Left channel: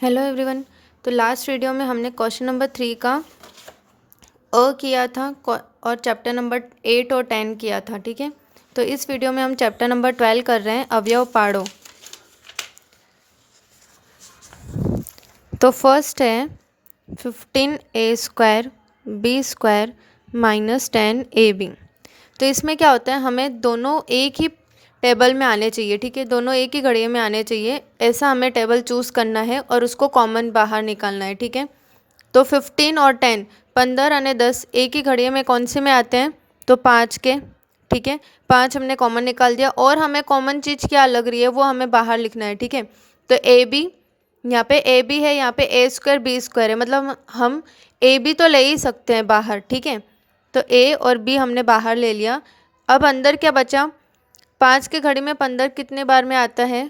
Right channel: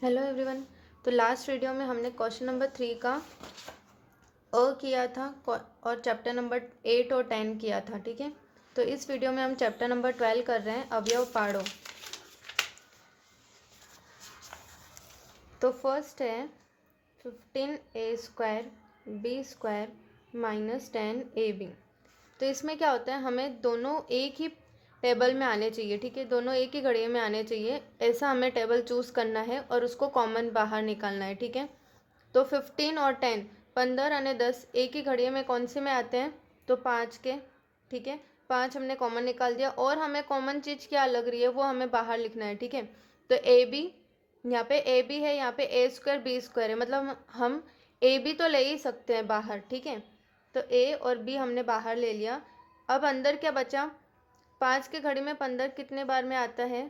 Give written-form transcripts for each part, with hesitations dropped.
Hello everyone. तो last video में हमने क्वेश्चन नंबर 3 का अ किया था और चैप्टर नंबर 8 और 10 किया था, ठीक है। तो इस वीडियो में हम चैप्टर नंबर 12 कर रहे हैं, अवयव पाड़ो। तो फर्स्ट है 15a² b² माइनस 10ab। तो इसमें क्या होता है, हमें दोनों एक ही टेबल में आने चाहिए, ठीक है। दोनों एक ही घड़िये में आने चाहिए, ऐसा हमें टेबल चूज़ करना है और उसको कॉमन बाहर निकालना है, ठीक है। तो 15 और 10, 15 और 10 एक ही घड़िये में कौन से में आते हैं, तो 5 के, ठीक है। 5 हमने कॉमन निकाल दिया और हमें कॉमन चीज़ क्या लग रही है वो हमें बाहर लिखना है, ठीक है। तो ए बी, यहाँ पे ए बी है, यहाँ पे a² b² है, मतलब हम ए बी तो ले ही सकते हैं बाहर, ठीक है। तो ए और बी हमने बाहर ले लिया। अब अंदर क्या बचा, 5 के घड़ी में 15 कितने बार में आता है,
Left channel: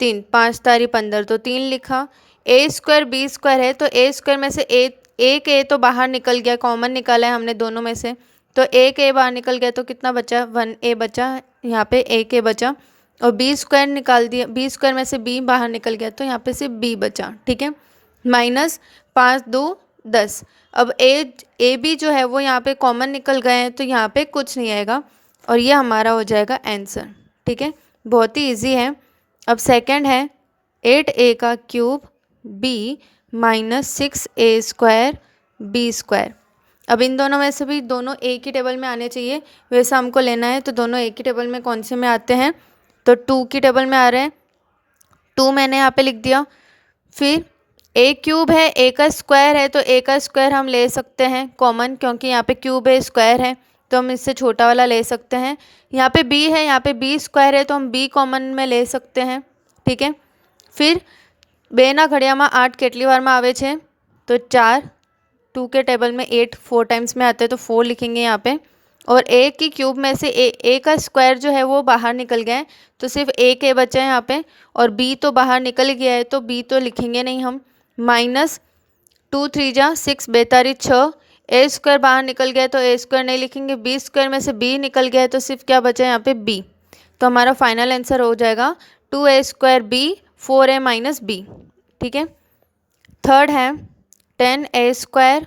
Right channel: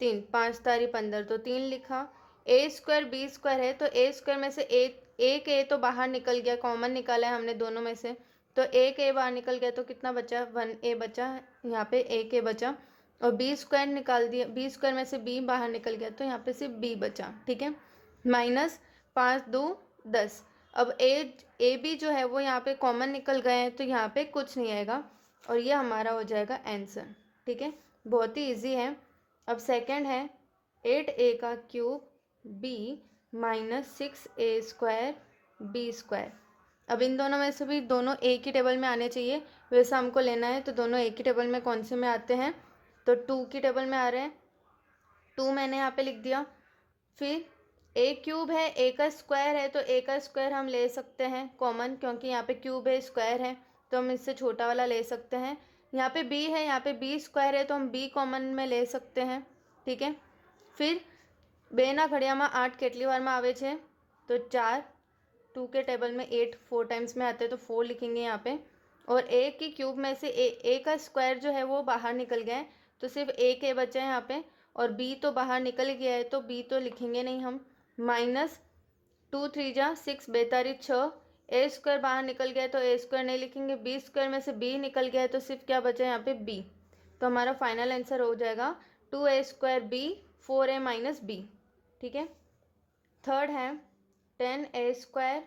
3, 5 तारी 15, तो 3 लिखा। a² b² है, तो a² में से एक ए तो बाहर निकल गया, कॉमन निकाला है हमने दोनों में से, तो एक ए बाहर निकल गया, तो कितना बचा, 1a बचा, यहाँ पे एक ए बचा। और b² निकाल दिया, b² में से b बाहर निकल गया, तो यहाँ पे सिर्फ b बचा, ठीक है। माइनस 5 2 10। अब ए बी जो है वो यहाँ पे कॉमन निकल गए हैं, तो यहाँ पे कुछ नहीं आएगा और ये हमारा हो जाएगा आंसर, ठीक है। बहुत ही इजी है। अब सेकंड है 8a³ b minus 6a² b²। अब इन दोनों में से भी दोनों एक ही टेबल में आने चाहिए, वैसा हमको लेना है। तो दोनों एक ही टेबल में कौन से में आते हैं, तो 2 की टेबल में आ रहे हैं, 2 मैंने यहाँ पे लिख दिया। फिर a³ है, a का स्क्वायर है, तो a का स्क्वायर हम ले सकते हैं कॉमन, क्योंकि यहाँ पे क्यूब है, स्क्वायर है, तो हम इससे छोटा वाला ले सकते हैं। यहाँ पे b है, यहाँ पे b² है, तो हम b कॉमन में ले सकते हैं, ठीक है। फिर બેના ઘડિયામાં 8 કેટલી વારમાં આવે છે, तो 4, 2 के टेबल में 8 4 टाइम्स में आते हैं, तो 4 लिखेंगे यहाँ पे। और a की क्यूब में से a का स्क्वायर जो है वो बाहर निकल गया है, तो सिर्फ एक a बचा है यहाँ पे, और b तो बाहर निकल गया है, तो b तो लिखेंगे नहीं हम। माइनस 2 3 जा 6 बेतारी 6, a² बाहर निकल गया है, तो a² नहीं लिखेंगे, b² में से b निकल गया है, तो सिर्फ क्या बचा है यहाँ पे b। तो हमारा फाइनल आंसर हो जाएगा 2a² b 4a minus b, ठीक है। थर्ड है 10a²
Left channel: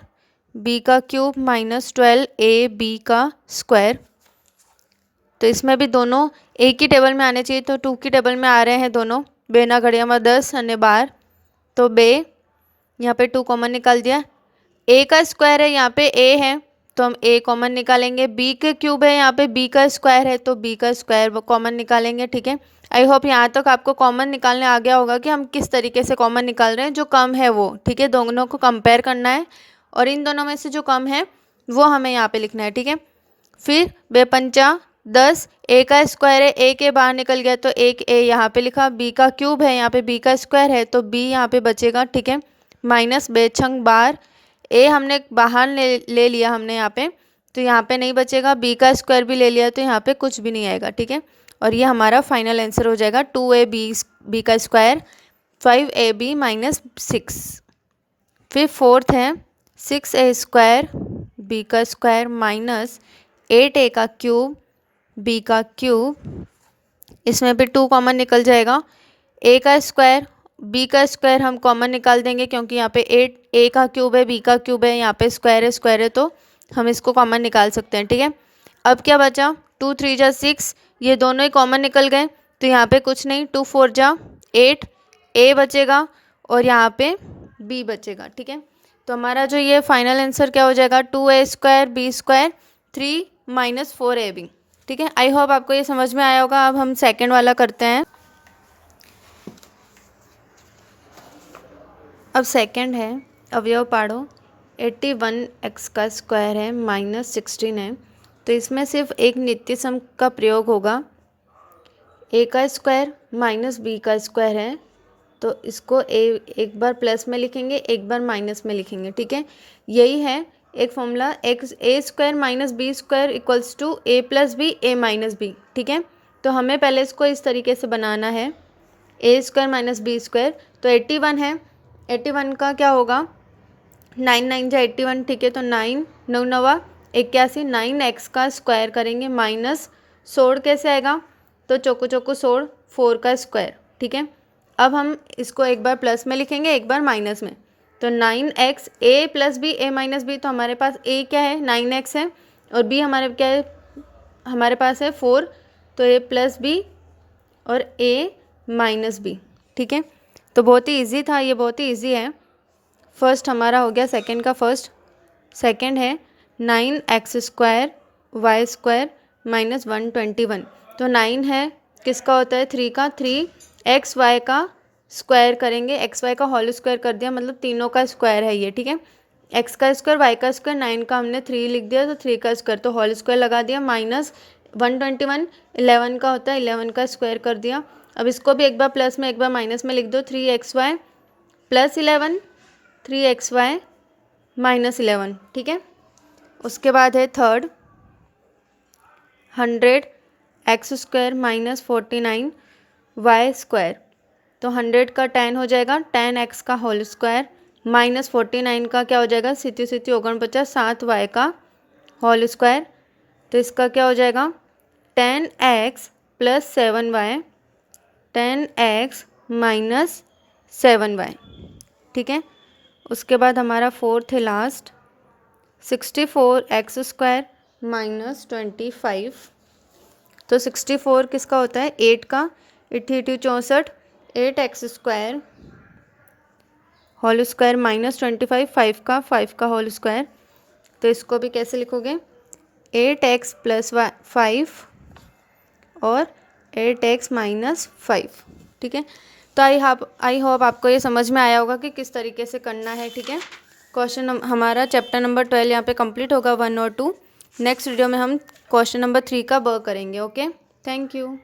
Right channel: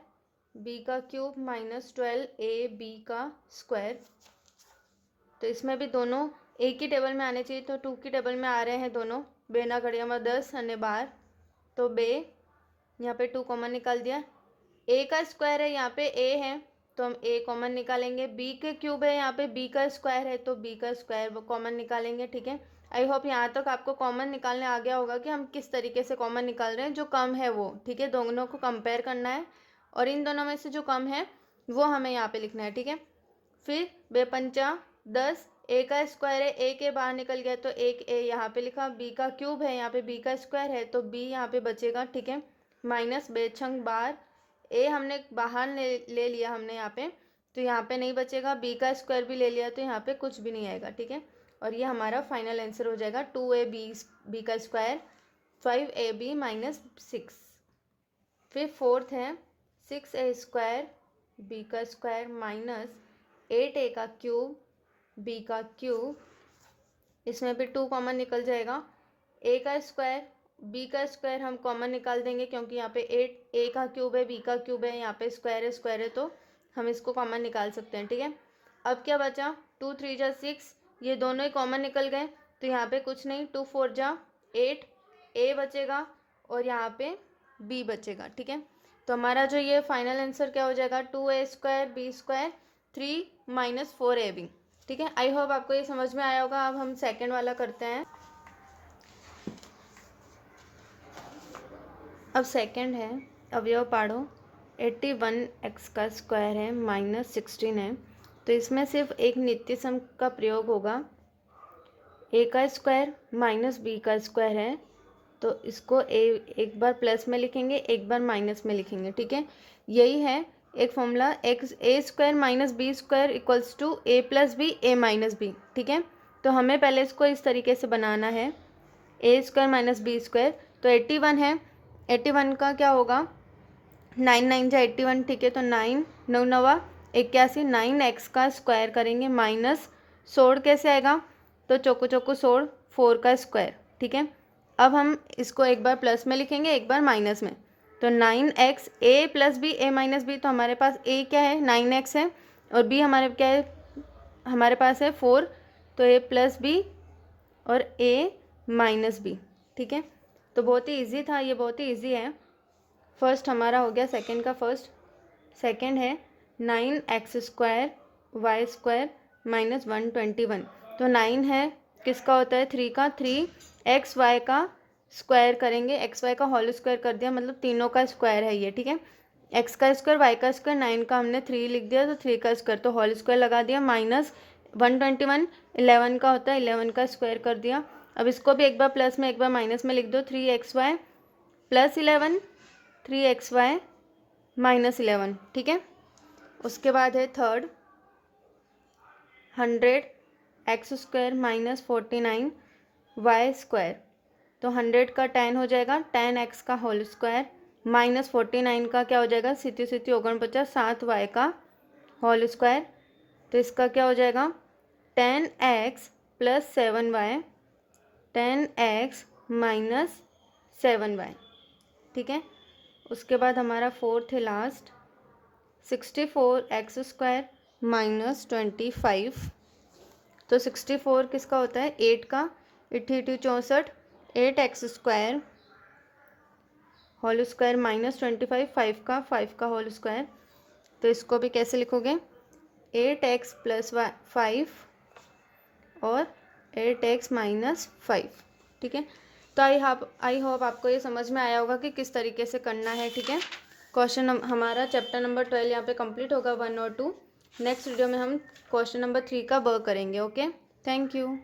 b³ माइनस 12ab का स्क्वायर। तो इसमें भी दोनों एक ही टेबल में आने चाहिए, तो 2 की टेबल में आ रहे हैं दोनों। बेना घड़िया में 10 और 12, तो बे यहाँ पे 2 कॉमन निकाल दिया। a का स्क्वायर है, यहाँ पे a है, तो हम a कॉमन निकालेंगे। b के क्यूब है, यहाँ पे b का स्क्वायर है, तो b का स्क्वायर कॉमन निकालेंगे, ठीक है। आई होप यहाँ तक आपको कॉमन निकालने आ गया होगा कि हम किस तरीके से कॉमन निकाल रहे हैं, जो कम है वो, ठीक है। दोनों को कंपेयर करना है और इन दोनों में से जो कम है वो हमें यहाँ पे लिखना है, ठीक है। फिर बेपंचा 10, a का स्क्वायर है, a के बाहर निकल गया, तो एक a यहाँ पे लिखा। b का क्यूब है, यहाँ पे b का स्क्वायर है, तो b यहाँ पे बचेगा, ठीक है। माइनस बेछंग 12, a हमने बाहर ले लिया हमने यहाँ पे, तो यहाँ पे नहीं बचेगा। b का स्क्वायर भी ले लिया, तो यहाँ पे कुछ भी नहीं आएगा, ठीक है। और ये हमारा फाइनल आंसर हो जाएगा 2ab का स्क्वायर 5ab माइनस 6। फिर फोर्थ है 6a² b का स्क्वायर माइनस 8a का क्यूब b का क्यूब। इसमें भी 2 कॉमन निकल जाएगा। a का स्क्वायर b का स्क्वायर हम कॉमन निकाल देंगे, क्योंकि यहाँ पे 8 a का क्यूब है, b का क्यूब है, यहाँ पे स्क्वायर है, तो हम इसको कॉमन निकाल सकते हैं, ठीक है। अब क्या बचा, 2 3 जा 6, ये दोनों ही कॉमन निकल गए, तो यहाँ पे कुछ नहीं। 2 4 जा 8, a बचेगा और यहाँ पे b बचेगा, ठीक है। तो हमारा जो ये फाइनल आंसर क्या हो जाएगा, 2a² b² 3 माइनस 4ab, ठीक है। आई होप आपको ये समझ में आया होगा। अब हम सेकेंड वाला करते हैं। अब सेकंड है अवयव पाड़ो। 81x का स्क्वायर है माइनस 16 है, तो इसमें सिर्फ एक नित्य सम का प्रयोग होगा। a का स्क्वायर माइनस b का स्क्वायर है, तो इसको एक बार प्लस में लिखेंगे, एक बार माइनस में लिखेंगे, ठीक है। यही है एक formula, a² minus b² equals to a plus B a minus B, ठीक है। तो हमें पहले इसको इस तरीके से बनाना है, a² माइनस b²। तो 81 है, 81 का क्या होगा, 9 9 जा 81, ठीक है। तो 9 9 9 81, 9x का स्क्वायर करेंगे माइनस 16 कैसे आएगा, तो चौको चौको 16 4 का स्क्वायर, ठीक है। अब हम इसको एक बार प्लस में लिखेंगे, एक बार माइनस में। तो 9x a plus B a minus B, तो हमारे पास a क्या है 9x है और b हमारे क्या है, हमारे पास है 4, तो a प्लस बी और a माइनस बी। ठीक है, तो बहुत ही इजी था ये, बहुत ही इजी है। फर्स्ट हमारा हो गया सेकंड का फर्स्ट। सेकंड है 9x² y² माइनस 121। तो 9 है किसका होता है 3 का, 3 xy का स्क्वायर करेंगे, xy का होल स्क्वायर कर दिया, मतलब तीनों का स्क्वायर है ये। ठीक है, x का स्क्वायर y का स्क्वायर, 9 का हमने 3 लिख दिया तो 3 का स्क्वायर, तो होल स्क्वायर लगा दिया, माइनस 121 11 का होता है, 11 का स्क्वायर कर दिया। अब इसको भी एक बार प्लस में एक बार माइनस में लिख दो, 3xy प्लस 11 3xy माइनस 11। ठीक है, उसके बाद है थर्ड 100x² माइनस 49 y²। तो 100 का 10 हो जाएगा 10x का होल स्क्वायर माइनस 49 का क्या हो जाएगा, सीधी सीधी 49 7y का होल स्क्वायर। तो इसका क्या हो जाएगा 10x plus 7y 10x minus 7y। ठीक है, उसके बाद हमारा फोर्थ है लास्ट 64x² माइनस 25। तो 64 किसका होता है 8 का, 8 64 8x² होल स्क्वायर माइनस 25 5 का होल स्क्वायर। तो इसको भी कैसे लिखोगे 8x प्लस 5 और 8x माइनस 5। ठीक है, तो आई होप आपको ये समझ में आया होगा कि किस तरीके से करना है। ठीक है, क्वेश्चन हमारा चैप्टर नंबर 12 यहाँ पे कंप्लीट होगा 1 और 2। नेक्स्ट वीडियो में हम क्वेश्चन नंबर 3 का वर्क करेंगे। Okay, thank you.